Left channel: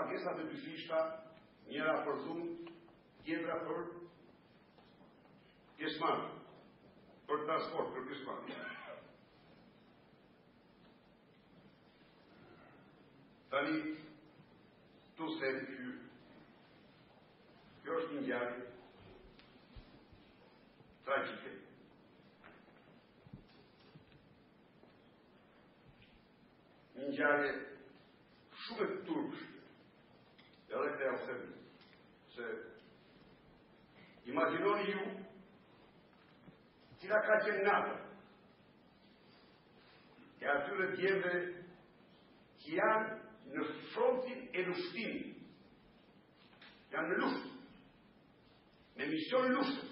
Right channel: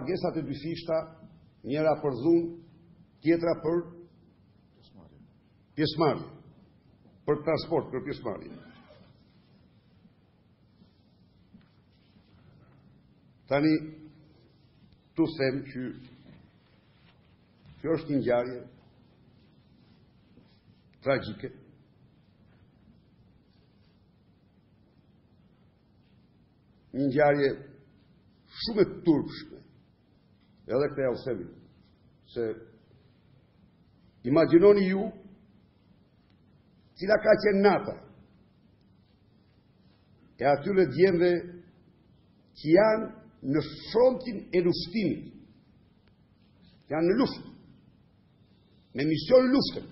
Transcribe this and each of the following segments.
Pagesat e dy fishta, njëra për dhunë, tjetra për pjesëmarrje, për transport, për pjesëmarrje. Tani, tu them që kjo është një ngjarje tragjike. Një ngjarje shumë e turpshme. Edhe këtë ja u them, se imagjinoni ju cila ka qenë nata e atyre djemve që janë në frontin e lushtimit, janë në luftë, me mision luftën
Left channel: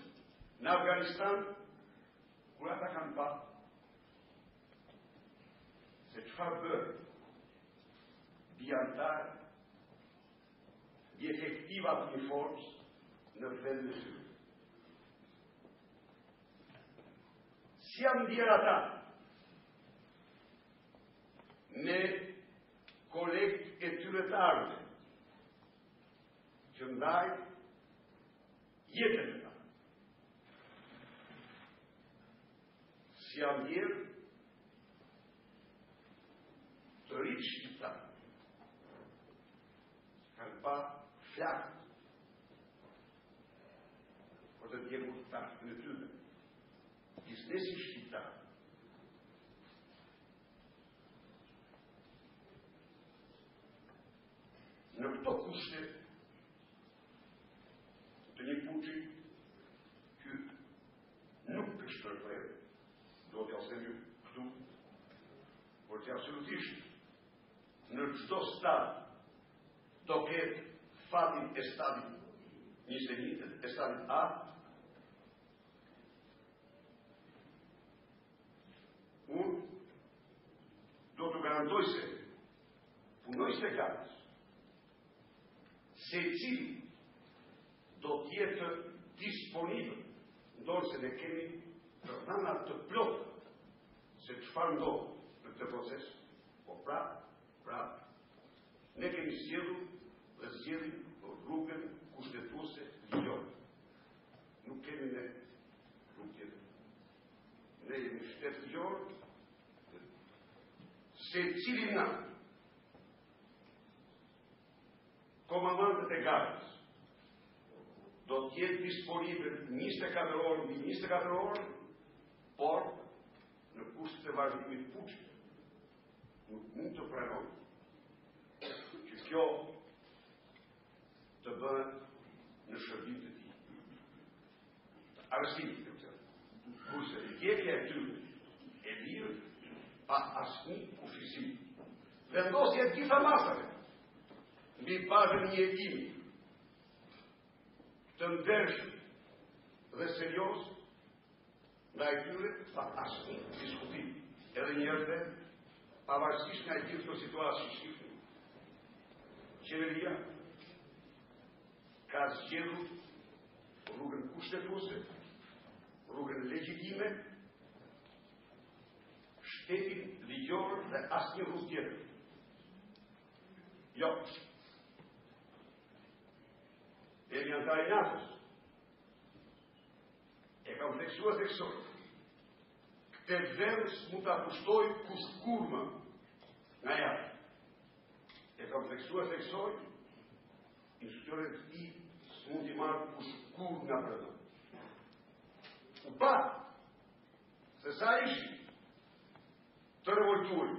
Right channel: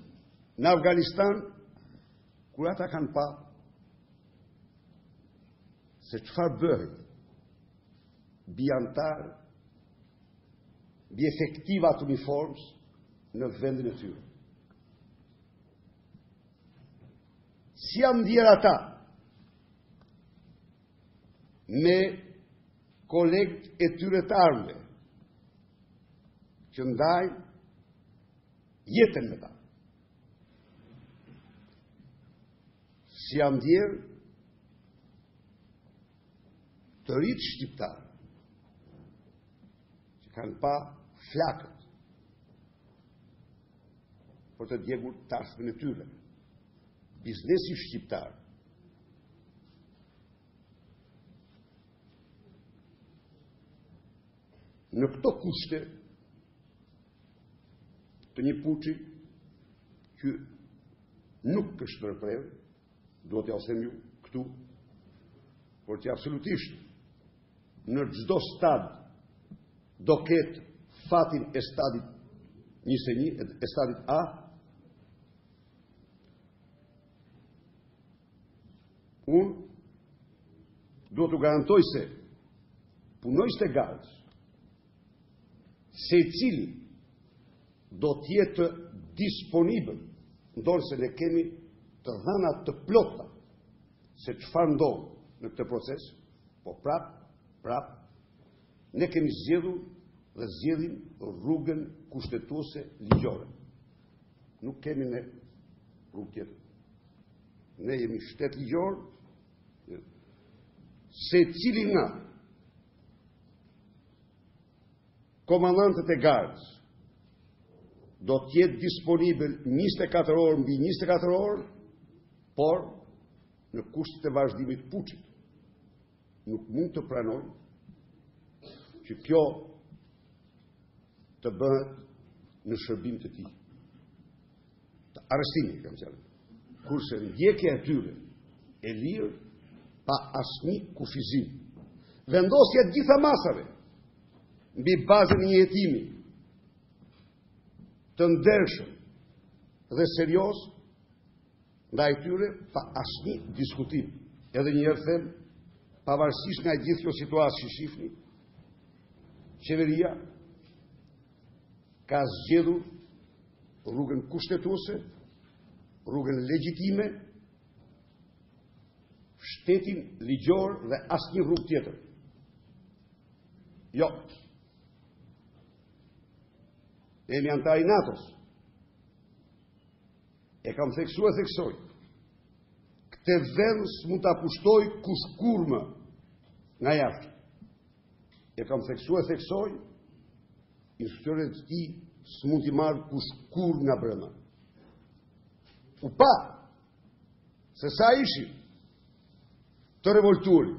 në Afganistan, kur ata kanë pa se çfarë bëhet bi antar, bi efektivat uniformës në vendin e tyre. Si janë ndjerë ata me kolegët e tyre të armëve që ndajnë jetën me ta. Si janë ndjerë të rritë shqiptarë që kanë pa flakët për të djegur tasmin e tyre. Biznesi shqiptar në këto kushte të një puçi që nuk është ndërprerë, do t'ja them ju këtu, por që absolutisht në çdo stad do ketë fatin e stadit 21, e stadit A, unë do të garantoj se punojës të garës, se cili do tjetë disponibël, ndonë se ne kemi të dhëna të plota se çfarë ndodh në këtë proces, po prap, ne kemi zgjedhur dhe zgjedhim rrugën kushtetuese ligjore. Nuk kemi ne rrugë tjetër. Ne jemi shtet ligjor, se cili nga komandantët e garës do t'jetë disponibël 24 orë mbi 24 orë, por në kushtet e vazhdimit puçit. Nuk mund të pranoj që kjo të bëhet në shërbim të tij. Të arrestimit, kam thënë. Kurse ndjekja e tyre e lirë pa asnjë kufizim. Vendosja të gjitha masave mbi bazën e një hetimi të ndershëm dhe serioz ndaj tyre pa asnjë diskutim. Edhe një herë them, pavarësisht nga gjithë kjo situatë që shihni, qeveria ka zgjedhur rrugën kushtetuese, rrugën legjitime, shtetin ligjor dhe asnjë rrugë tjetër. Jo. Jemi antar i NATO-s. E kam theksuar theksoj. Këtë vend s'mund ta kushtoj kush kurrë nga jashtë. E kam theksuar theksoj, instruksionet e tij s'mund t'i marrë kush kurrë nga brenda. U pa se sa ishin të revoltuar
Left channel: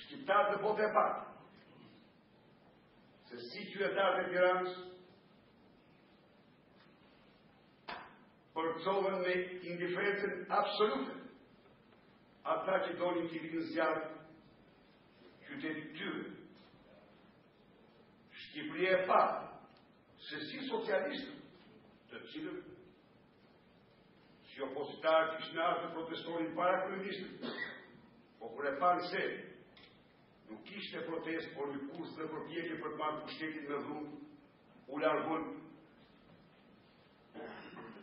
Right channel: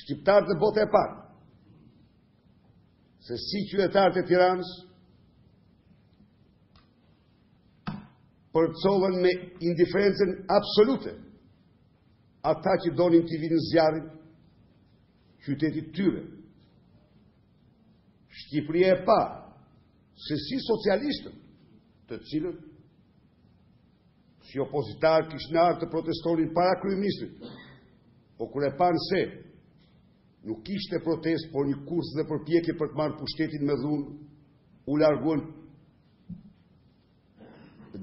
shqiptarët në botë e parë, se si qytetarët e Tiranës përcollën me indiferencën absolute ata që donin t'i vinë zjarë qytetit tyre. Shqipëria e pa se si socialistët, të cilët si opozitar kishin ardhur të protestonin para kryeministrit, po kur e panë se nuk kishte protest, por një kurs dhe përpjekje për të marrë pushtetin me dhunë, u larguan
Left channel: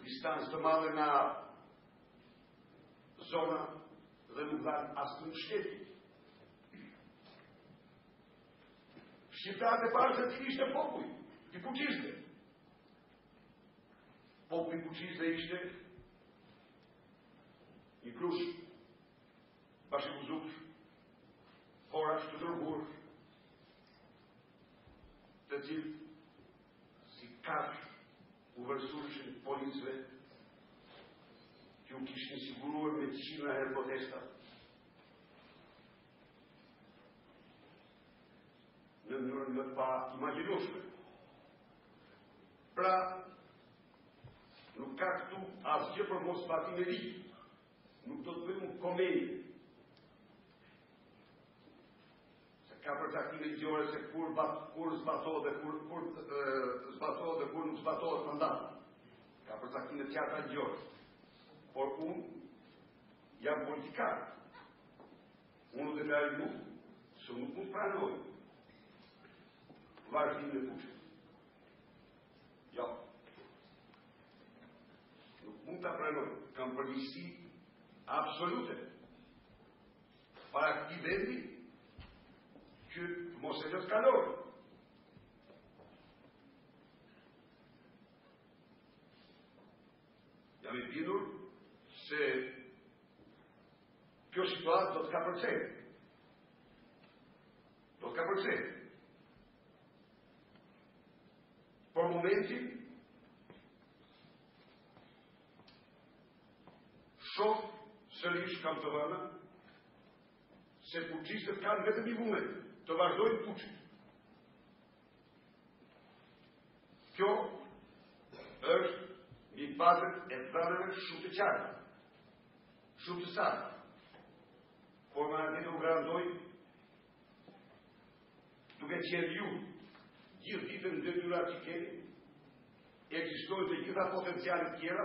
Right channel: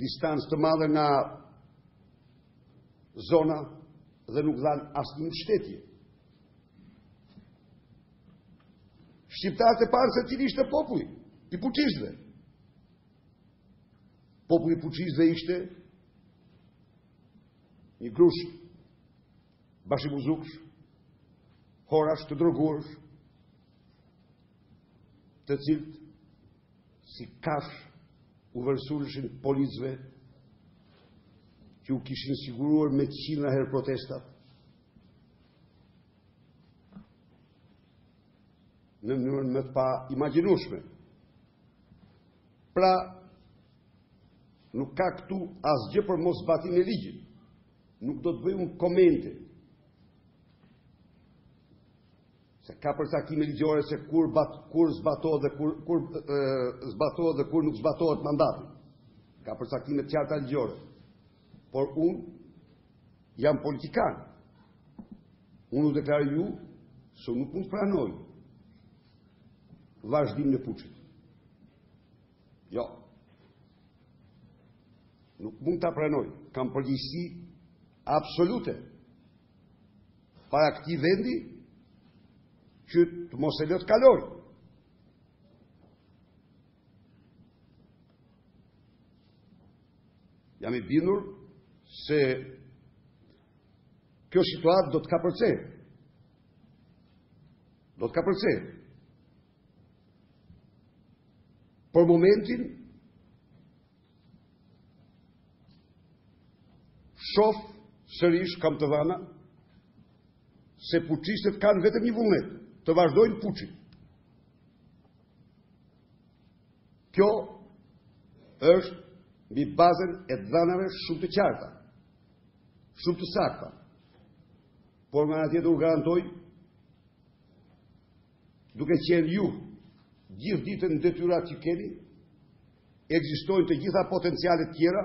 distancë të madhe nga zona dhe nuk dhanë asnjë mbështetje. shqiptarët e parë se cili ishte populli i fuqishve. Populli i fuqishve ishte një grush bashkimuzuksh, horash të droguarsh, të cilët si kash u vërsulëshin policëve që u kishin siguruar me qindra herë protesta në mënyrën më të pa imagjinueshme. Pra, nuk ka këtu asgjë për mos zbatimin e ligjit. Nuk do të bëjmë komente. Se ka përcaktime ligjore se kur zbatohet dhe kur zbatohet dhe kur nuk zbatohet mandati. Ka përcaktime të qarta ligjore. Por unë jam politikan. Unë u deklaroj ju se nuk mund të pranoj vazhdimin e fuqit. Jo. Nuk mund ta pranoj. Kam përgjegjësi absolute para këtij vendi që të mos e lë të kalojë. Jam i bindur se kjo situatë do të kapërcejë. Do të kapërcejë. Për momentin shoh sërish, kam të dhëna, se fuqishtet kanë vetëm një vullnet, të vazhdojnë fuqin. Kjo është mbi bazën e dhënave shumë të qarta, shumë të sakta. Por nga ana tjetër u garantoj, duke qenë ju gjithë ditën në detyrat që keni, ekzistojnë të gjitha potencialet tjera,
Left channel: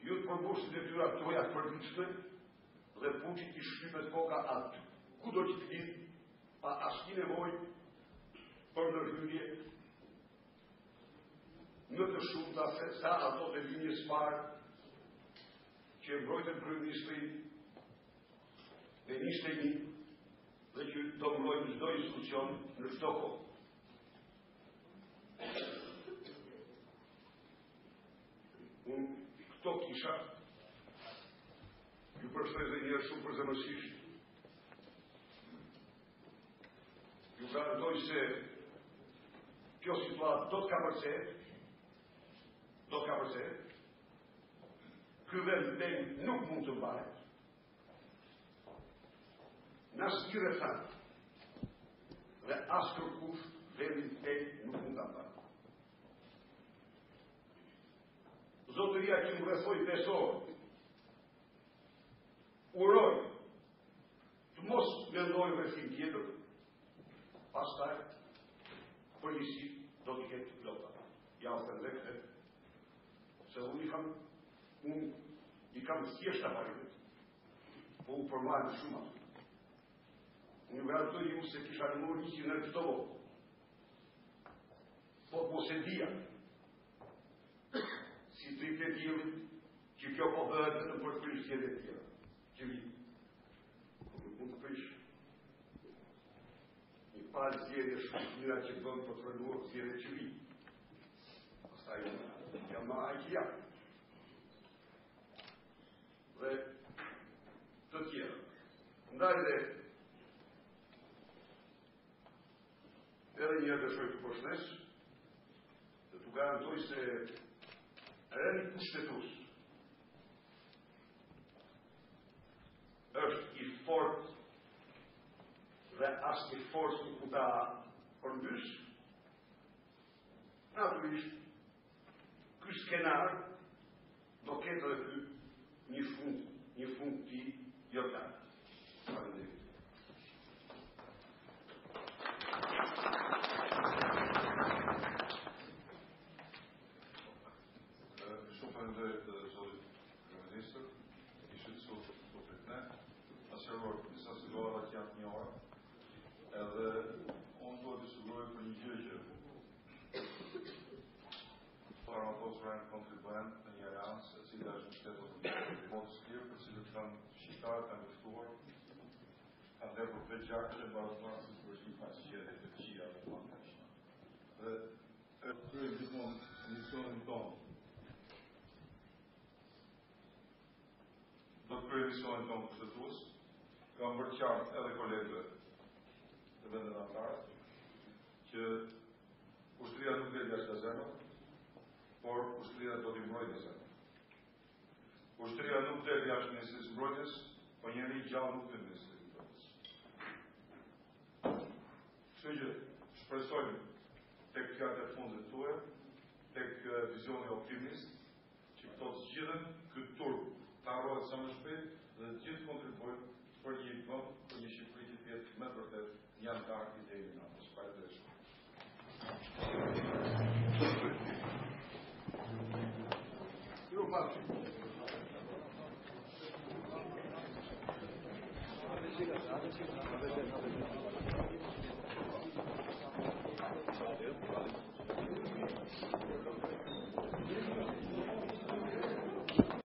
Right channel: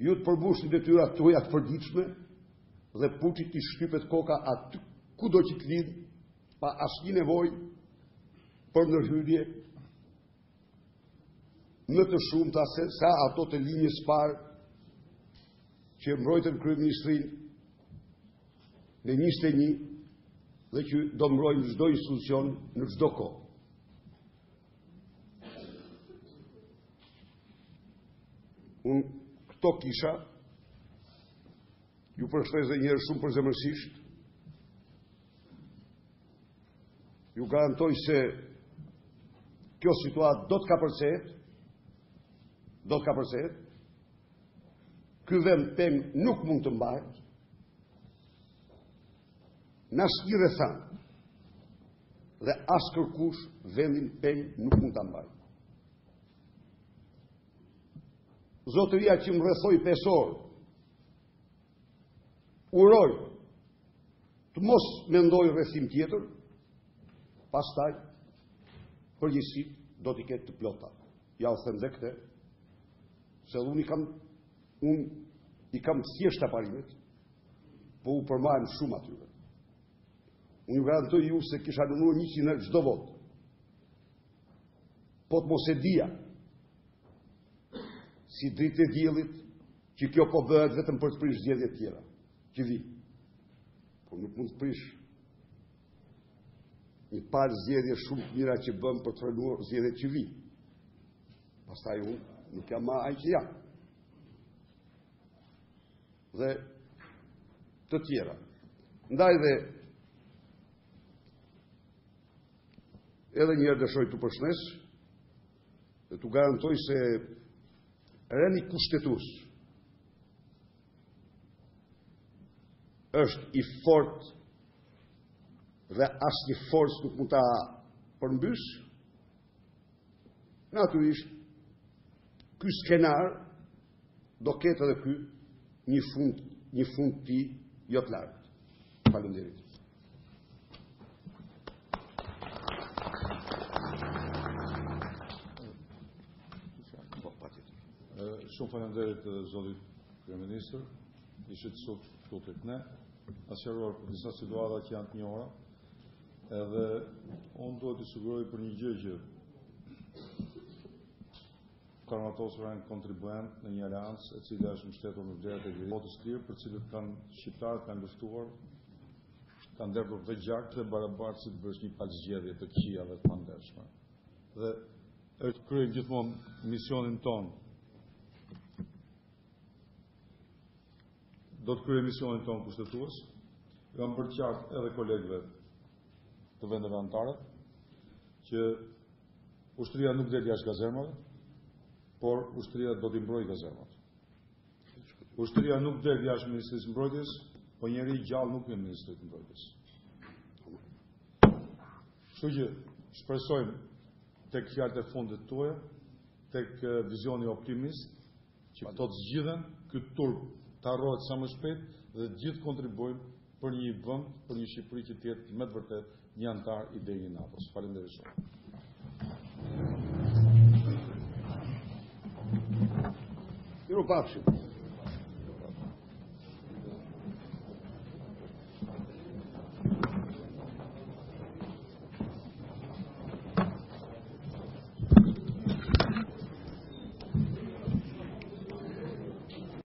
ju të përmbushni detyrat tuaja të përditshme dhe fuqit i shtypet koka aty kudo që të lidh, pa asnjë nevojë për ndërhyrje më të shumta se sa ato të linjës parë që mbrojtën kryeministrinë në 21 dhe që do mbrojnë çdo institucion në çdo kohë. Unë këto kisha, ju përshëndes edhe një herë shumë përzemërsisht, ju garantoj se kjo situatë do të kapërcehet, ky vend peng nuk mund të mbahet, në asnjë rrethana dhe as kërkush vendin peng nuk mund ta mbajë. Zotëria që më rrethoi 5 orë, uroj të mos mendoj rrethim tjetër, pastaj përgjegjësit do t'i ketë të plota. Ja u them dhe këtë, se unë i kam thjeshta parimet, po u përmajnë shumë atyre. Unë ju garantoj ju se kisha dënuar 100 herë çdo vot. Po të mos e dija, si dritë e diellit, që kjo po bëhet vetëm për të prish zgjedhjet tjera, që vi. Po nuk mund të prish një parë zgjedhje shumë të mira që bën për të frenuar zgjedhjet që vi. Pastaj unë nuk kam ai që jam. Dhe të tjera. Ndaj dhe edhe një herë dëshoj të përshëndes dhe të garantoj se rendi kushtetues është i fort dhe asnjë forcë nuk mund ta përmbys. Natyrisht, ky skenar do ketë edhe ky një fund të tij jo të lartë. Faleminderit. Shumë faleminderit zotit kryeministër, ishit sot këtu tek ne, ka sqaruar disa situata që janë të njohura, edhe unë do të siguroj për një gjë që karmatosur janë kontribuent në një aleancë e cila është mbështetur në drejtë e votës lirë, për cilët kanë shqiptarët kanë luftuar ka ndërtur të gjakë dhe barabartë si të bësh një palëzgjedhje të këqija dhe të pandershme. Dhe është kryejmë gjithmonë misionin tonë. Do të kryejmë misionin tonë kushtetues. Kam për qartë edhe kolegëve të vendeve anëtare që ushtria nuk del jashtë gazemave, por ushtria do t'i mbrojë gazemave. Ushtria nuk del jashtë Ministrisë Mbrojtjes, po njeri gjallë nuk në Ministrisë Mbrojtjes. Kështu që shpresojmë tek fjalët e fundit tuaja, tek vizioni optimist, që këto të zgjidhen, ky turp të harrohet sa më shpejt dhe të gjithë kontribuojnë për një vend, për një Shqipëri që të jetë me të vërtet një antar i deri në NATO. Faleminderit shumë. Miropafshim.